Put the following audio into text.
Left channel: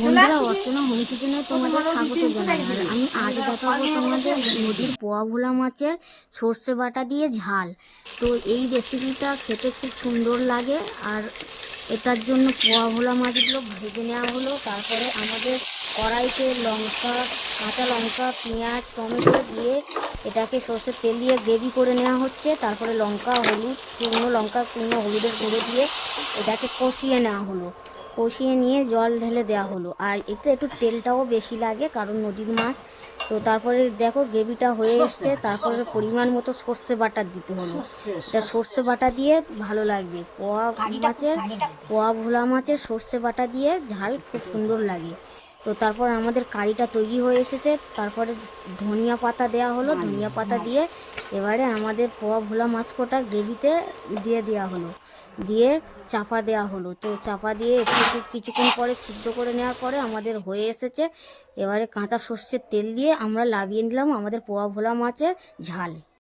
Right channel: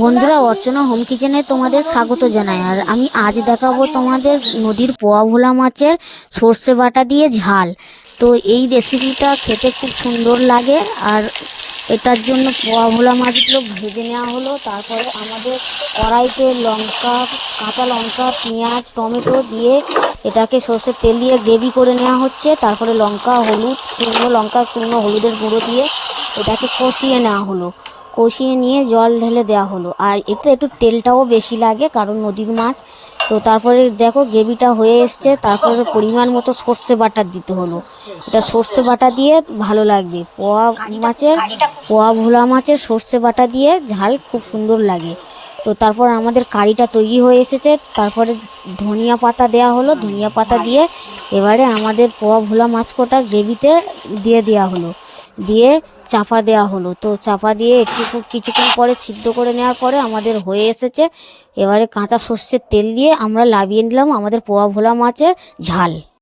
বন্ধুরা, অর্চনা হোম কিচেনে তোমাদের স্বাগত জানাই। আর আমি আজ দেখাবো তোমাদের নদীর পোয়া ভোলা মাছের সর্ষে বাটা দিয়ে ঝাল। তো এই রেসিপিটা খেতে খুব সুন্দর লাগে। আর এটার জন্য পোয়া ভোলা মাছগুলো ভেজে নেওয়া হলো। তারপরে আমাদের কড়াইতে লঙ্কা, কাঁচা লঙ্কা, পেঁয়াজ, টমেটো দিয়ে এটাকে সর্ষের তেল দিয়ে গ্রেভি করে নেওয়া হচ্ছে। তারপরে লঙ্কা, হলুদ, শুকনো লঙ্কা, শুকনো হলুদের গুঁড়ো দিয়ে এটাকে কষিয়ে নেওয়া হলো। কষিয়ে নিয়ে জল ঢেলে দেওয়া হলো। আর এতে একটু তেলটাও বেশি লাগে, কারণ নদীর মাছ। তো তারপরে দেখো গ্রেভিটা হয়ে এসছে। তারপরে পরিমাণ মতো সর্ষে বাটা দিতে হলো। এটা সর্ষে বাটা দিয়ে ভালো লাগবে। পোয়া ভোলা মাছের সর্ষে বাটা দিয়ে ঝাল খুব সুন্দর লাগে। তো তারপর আমাদের কারিটা তৈরি হয়ে এসেছে। তারপরে ধনিয়া পাতা দেওয়া হলো। ধনিয়া পাতা দিয়ে এবারে আমাদের পোয়া ভোলা মাছ কটা গ্রেভিতে দিয়ে দেওয়া হলো। দিয়ে চাপা দেওয়া হলো। তো চাপা দিয়ে একটু কিছুক্ষণ পরে সিদ্ধ করে নেওয়ার পরে আমাদের হয়ে এসেছে। এবারে কাঁচা সর্ষের তেল দিয়ে আমরা নামিয়ে নিলাম আমাদের পোয়া ভোলা মাছের ঝাল।